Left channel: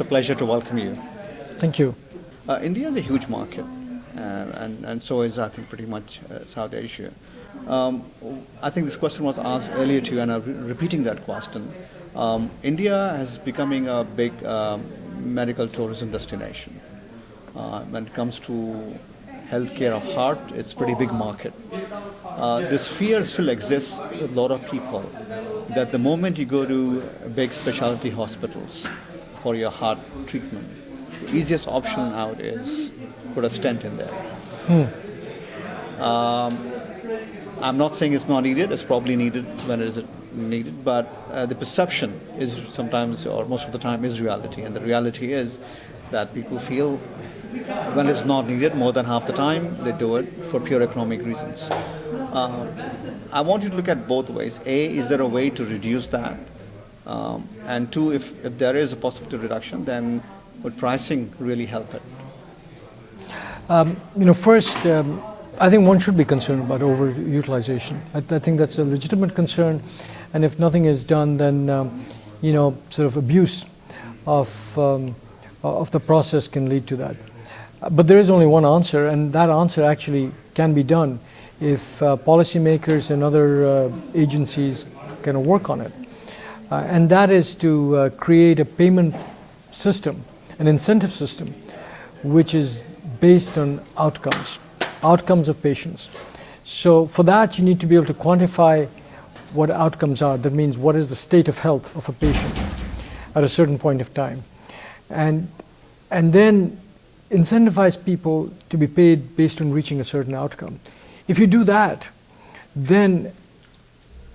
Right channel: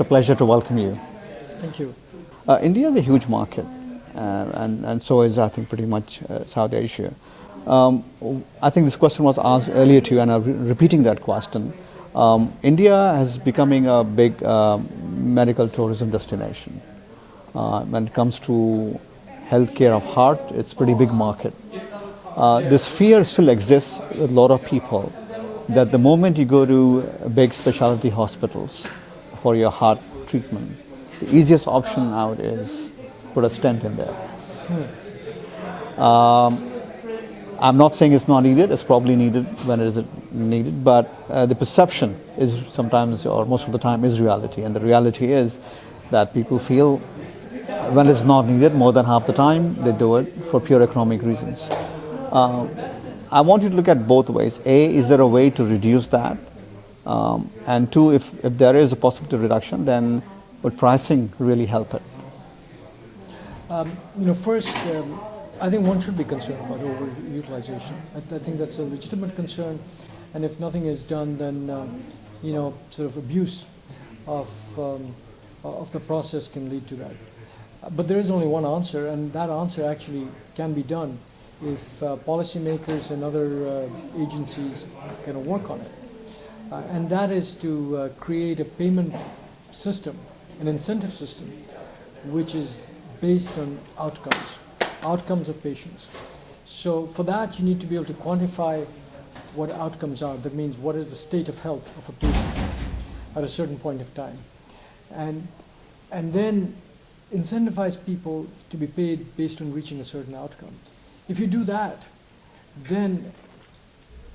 it's a pleasure to welcome you. Thank you. India is a huge market, and so is, I think, pretty much South Asia. I think this question was asked earlier to you, and I'm repeating that question. India is becoming a big medical tourism destination. When it comes to healthcare of heart, it's a pretty big market. This fear still exists with a lot of people that the moment you go to big specialty hospitals for your heart treatment, the easiest option out is put a stent in there. I'm not saying it's not needed, it's probably needed when it is needed, but the perception is sometimes, or most of the time, is reality. And the reality is that people feel when it's not needed, more than half the time, they do it for pure economic reasons. I want you to look at both ways. A, is there a way to reduce that? And two, if there is a possible reduction, then would pricing really help it? First, I think one should be concerned about overutilization. I think that's a legitimate concern, and if nothing is done, then sort of abuse of the process can lead to that. But there is only one answer, and that answer actually can be done if policymakers and other agencies can work on it. And that is to create a payment system, an incentive system, which is based on outcomes of patients. So for that, you need to be able to quantify what outcomes are. That means what is the state of health of a patient at a certain point of time. And then incentivize people to be paid based on reaching a certain outcome. If you do that, then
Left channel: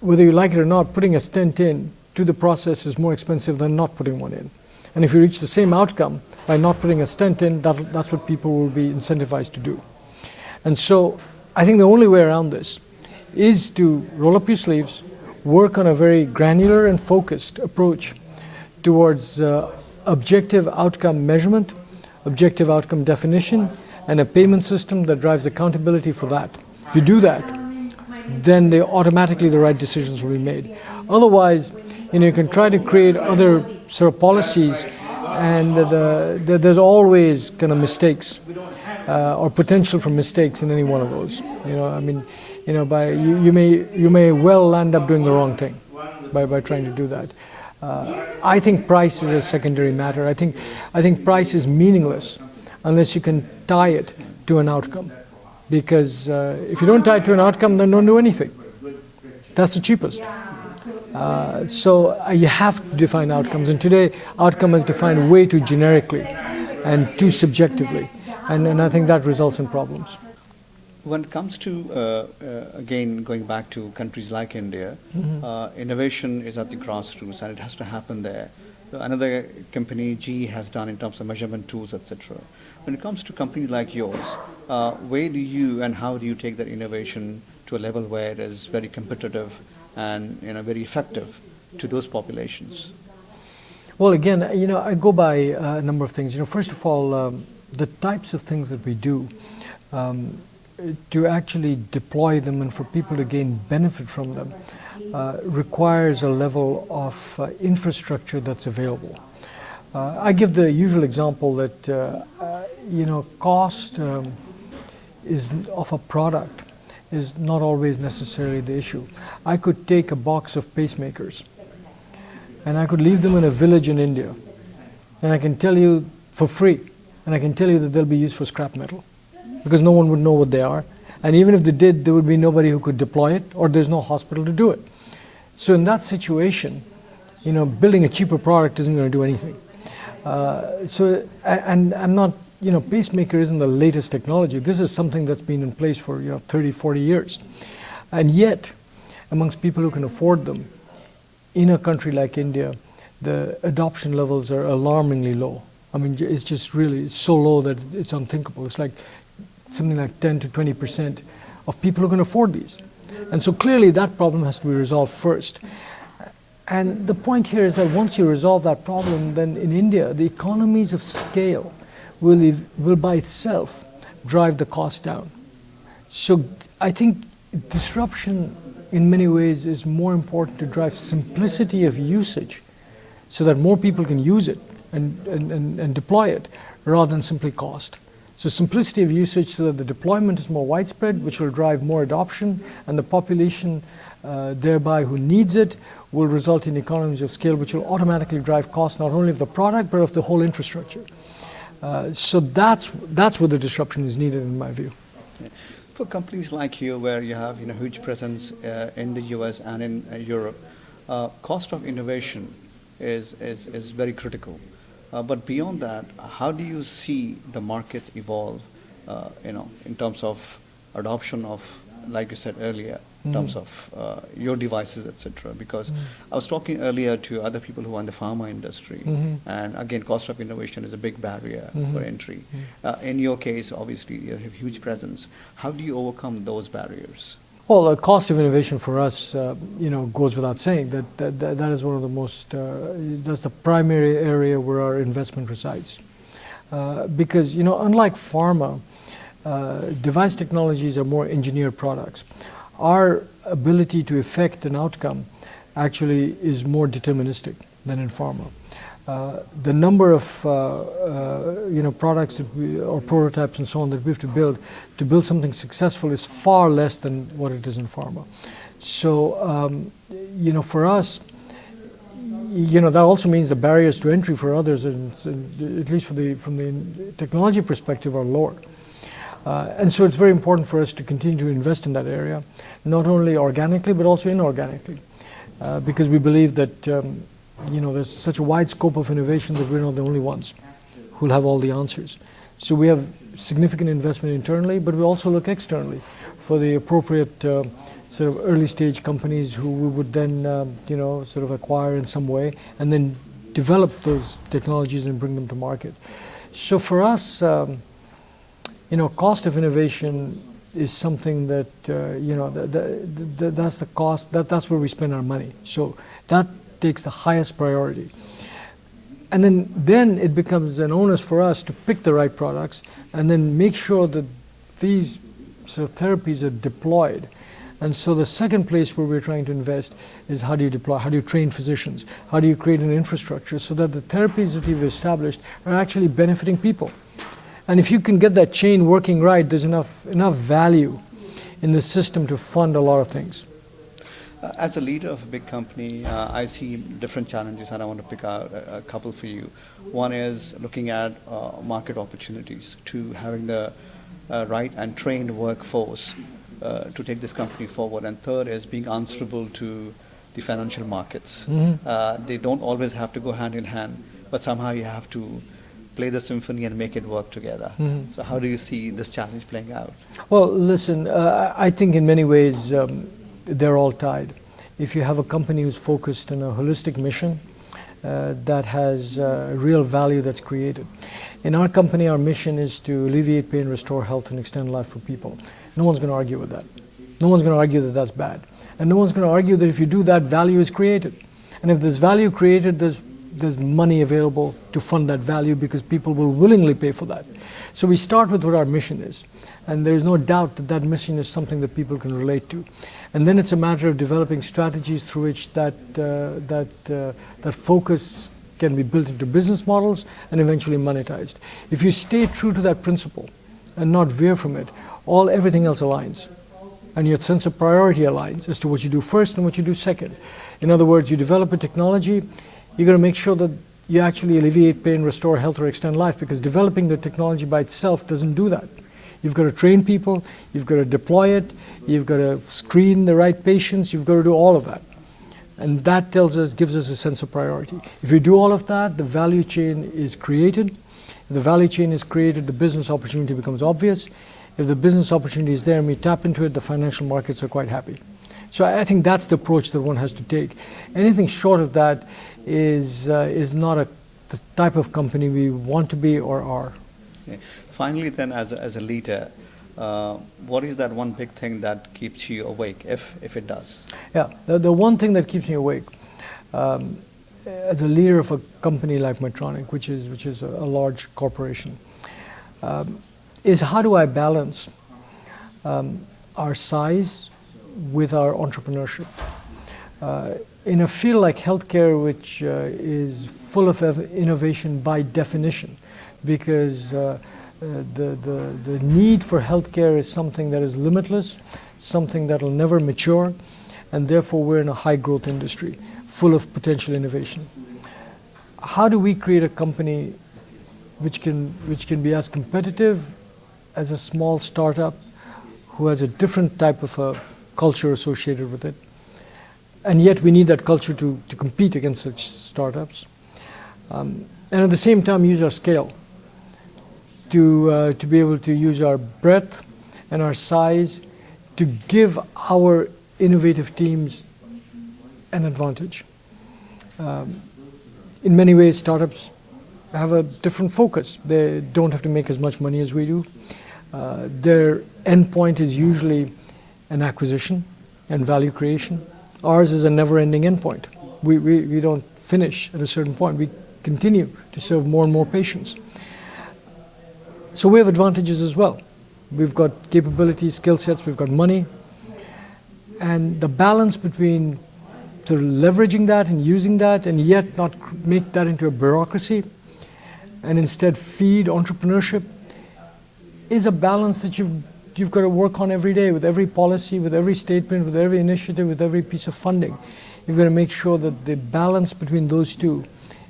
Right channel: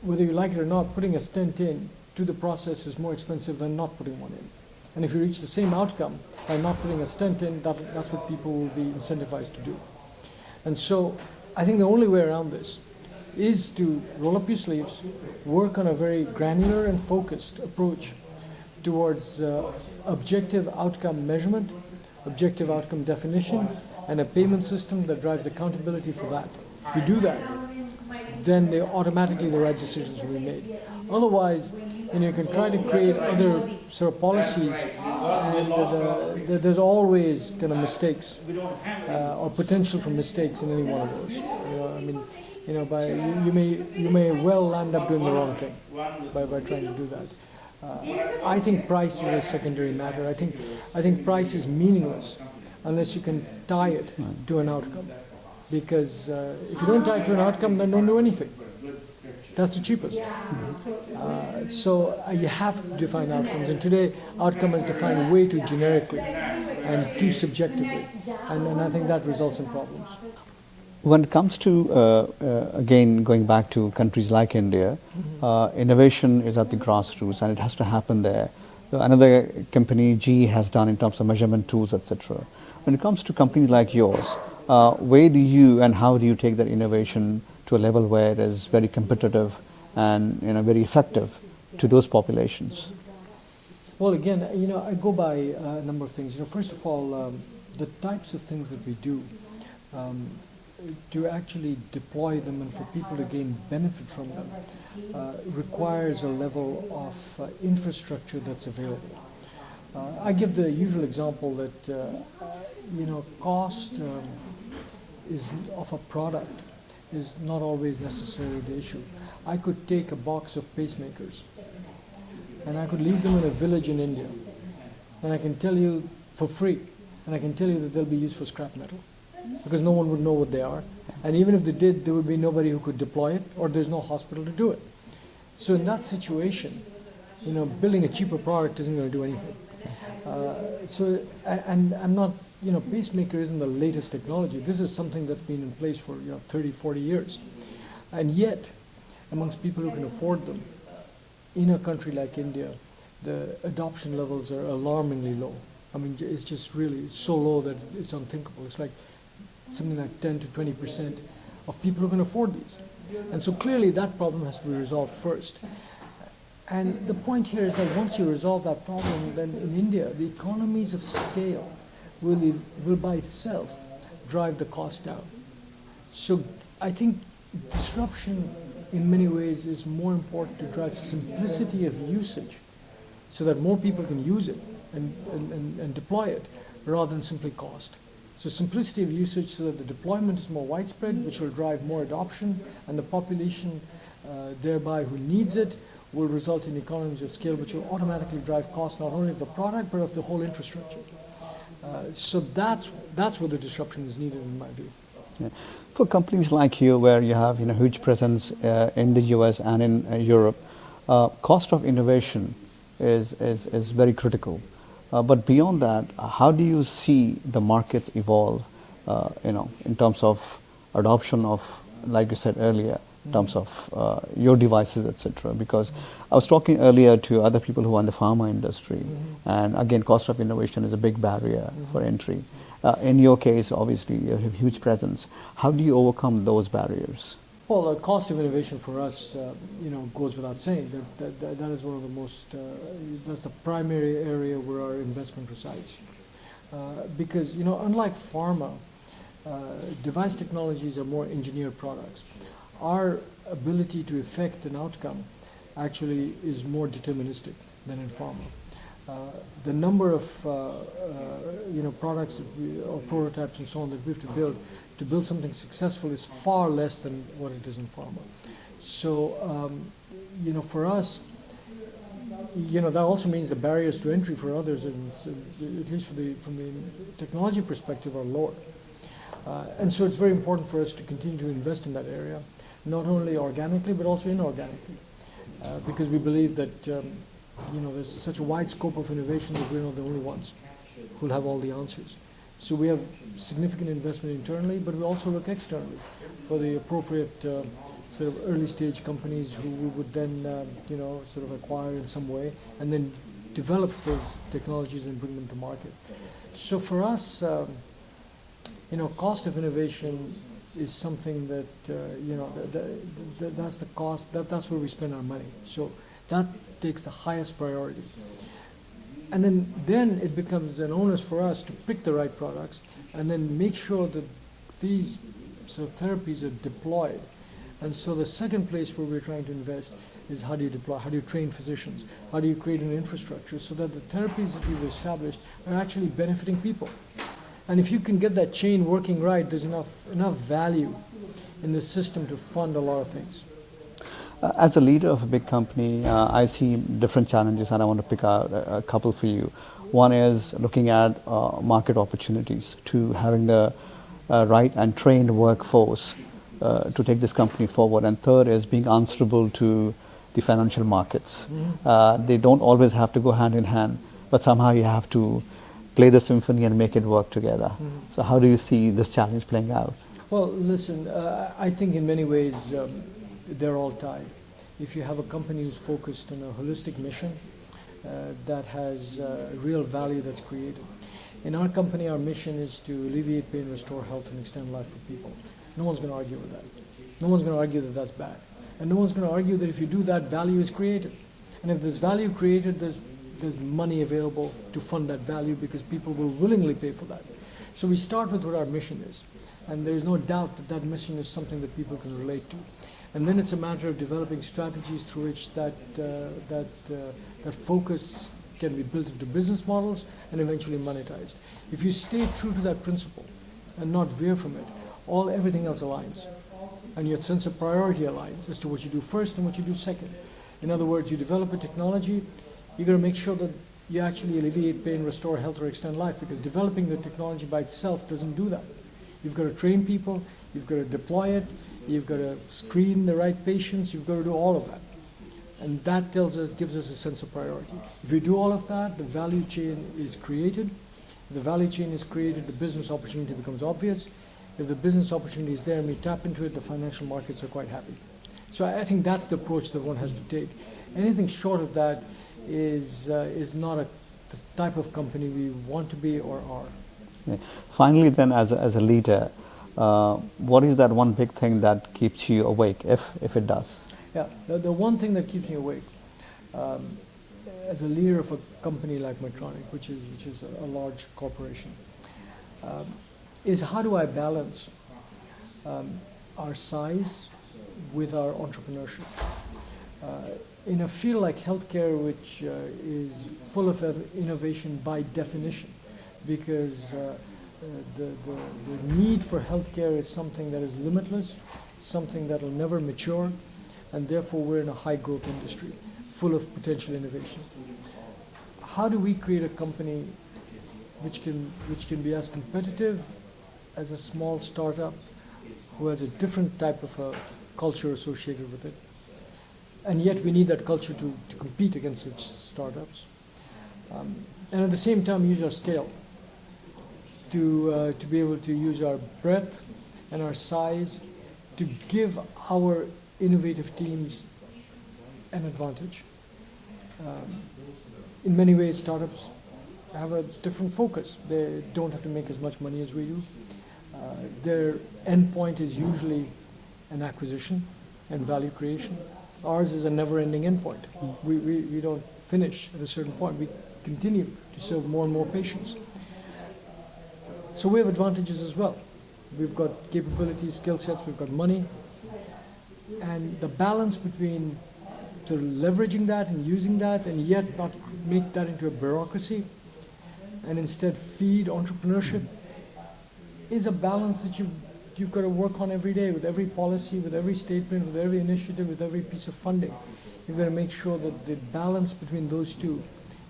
whether you like it or not, putting a stent in to the process is more expensive than not putting one in. And if you reach the same outcome by not putting a stent in, that's what people will be incentivized to do. And so I think the only way around this is to roll up your sleeves, work on a very granular and focused approach towards objective outcome measurement, objective outcome definition, and a payment system that drives accountability for that. If you do that, then automatically the right decisions will be made. Otherwise, you can try to create other sort of policies, and there's always kind of mistakes or potential for mistakes in any one of those. You may well end up doing the wrong thing by trying to do that. I think price is a secondary matter. I think price is meaningless unless you can tie it to an outcome. Because if you don't tie it to an outcome, then don't do anything. That's the cheapest. So you have to define outcomes. And today, outcome is defined way too generically and too subjectively. And I think that results in problems. When it comes to, again, going back to countries like India, innovation is at the grassroots and it has to happen there. Another company, GE, has done in terms of measurement tools, etc. When it comes to companies like yours, where do you and how do you take that innovation to a level where it is very competitive and very effective to those populations? Well, again, I go by a number of things. First of all, the types of things that we do, to actually deploy them and for people to gain benefit from them requires a level of infrastructure that's available. I give the usual example that cost of a product is not always necessarily the issue. I could take a box of pacemakers and I could leave them in a village in India, and I can tell you for free, and I can tell you that they'll be used for scrap metal, because no one would know what they are. And even if they did, there would be nobody who could deploy it, or there's no hospital to do it. So in that situation, building a cheaper product isn't going to do anything. And I'm not, pacemaker isn't the latest technology. This is something that's been in place for 30, 40 years. And yet, amongst people who can afford them, in a country like India, the adoption levels are alarmingly low. I mean, it's just really so low that it's unthinkable. It's like something like 10 to 20% of people who can afford these. And so clearly that problem has to be resolved first. And the point here is that once you resolve that problem, then in India, the economies of scale will by itself drive the cost down. So I think disruption in many ways is more important to drive simplicity of usage so that more people can use it and deploy it rather than simply cost. So simplicity of usage so that the deployment is more widespread, which will drive more adoption, and the population thereby who needs it will result in economies of scale, which will automatically drive cost not only of the product, but of the whole infrastructure. So that's where the disruption is needed, in my view. For companies like you, where you have huge presence in the US and in Europe, cost of innovation is very critical. But beyond that, how do you see the markets evolve, in terms of adoption of, like you said earlier, in terms of your devices, etc. Because I was talking earlier to other people who are in the pharma industry, and again, cost of innovation is a big barrier for entry. In your case, obviously, you have a huge presence. How do you overcome those barriers? Well, the cost of innovation for us, goes without saying. That is one of the most, that's the primary area where our investment resides. Because, unlike pharma, device technologies are more engineered products. Our ability to effect an outcome actually is more deterministic than in pharma. The number of products that or prototypes and so on that we have to build something successful is far less than what it is in pharma. So, for us, that also means the barriers to entry for others, at least from the technology perspective, are lower. And so it's very important for us to continue to invest in that area, not only organically but also inorganically, because we believe that there's such a wide scope of innovation that we're not the only ones who'll have all the answers. So we have significant investment internally, but we also look externally for the appropriate sort of early stage companies who we would then sort of acquire in some way and then develop those technologies and bring them to market. So for us, cost of innovation is something that that's the cost. That's where we spend our money. So that takes the highest priority. And then it becomes an onus for us to pick the right products and then make sure that these sort of therapies are deployed. And so the second place where we're trying to invest is how do you deploy, how do you train physicians, how do you create an infrastructure so that the therapies that you've established are actually benefiting people. And if you can get that chain working right, there's enough value in the system to fund a lot of things. As a leader of a big company, I see different challenges, and I want to pick out a couple for you. One is looking at market opportunities, to having the right and trained workforce to take this company forward. And third is being answerable to the financial markets. They don't always have to go hand in hand, but somehow you have to play the symphony and make it work together. So how do you see this challenge playing out? Well, listen, I think in many ways they're all tied. If you have a company who's focused on a holistic mission that has real value that's created. In our company, our mission is to alleviate pain, restore health, and extend life for people. No one's going to argue with that. No one's going to argue that that's bad. And no one's going to argue that if you do that, value is created. And if there's value created, there's money available to fund that value because people will willingly pay for that. So we start with what our mission is. And there's no doubt that that mission is something that people can relate to. And then it's a matter of developing strategies through which that focus can be built into business models and eventually monetized. If you stay true to that principle and not veer from it, everything else aligns. And your sense of priority aligns as to what you do first and what you do second. In other words, you develop a technology, you're going to make sure that you actually alleviate pain, restore health, or extend life, because developing the technology by itself doesn't do that. You've got to train people, you've got to deploy it, you've got to screen the right patients, you've got to do all of that. And that gives us a sense of priority. If you do all of that, the value chain is created. If the value chain is created, the business opportunity becomes obvious. If the business opportunity is there and we tap into it, the financial markets are quite happy. So I think that's the approach that one has to take. Anything short of that is not the type of company we want to be or are. Yeah. Finally then, as a leader, what is that one big thing that keeps you awake, if it does? Yeah, the one thing that keeps me awake as a leader of a company like Medtronic, which is a large corporation, is how do I balance our size with our entrepreneurship? in a field like healthcare, which is full of innovation by definition, because the need for healthcare is something that is limitless, something that will never mature, and therefore we're in a high growth industry full of potential innovation. How do we create a company which can be as competitive as a small startup who has a different type of a culture associated with it? And yet we need that culture to compete against such startups. And at the same time use our scale to be able to use our breadth and our size to give our innovative teams an advantage. In many ways, startups have a different focus. They don't have to make as much money as we do. Their end point is usually an acquisition and value creation. Ours is a never-ending end point. We don't finish at a certain point. We continue to serve more and more patients. So we have advantages as well. We've got capabilities, skill sets, we've got money. And the balance between sort of leveraging that and using that and yet not make that into a bureaucracy and instead feed entrepreneurship is a balance that you've got to work on every day with every policy, with every statement, with every initiative, with every piece of funding. You've got to make sure that the balance between those two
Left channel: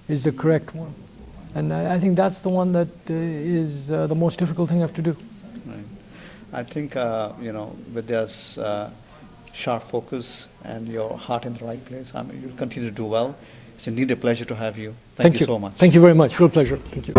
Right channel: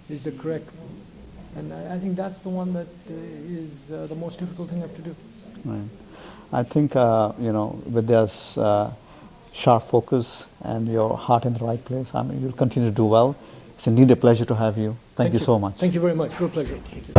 is the correct one. And I think that's the one that is the most difficult thing I have to do. Right. I think, with this sharp focus and your heart in the right place, I mean, you'll continue to do well. It's indeed a pleasure to have you. Thank you so much. Thank you very much. Real pleasure. Thank you.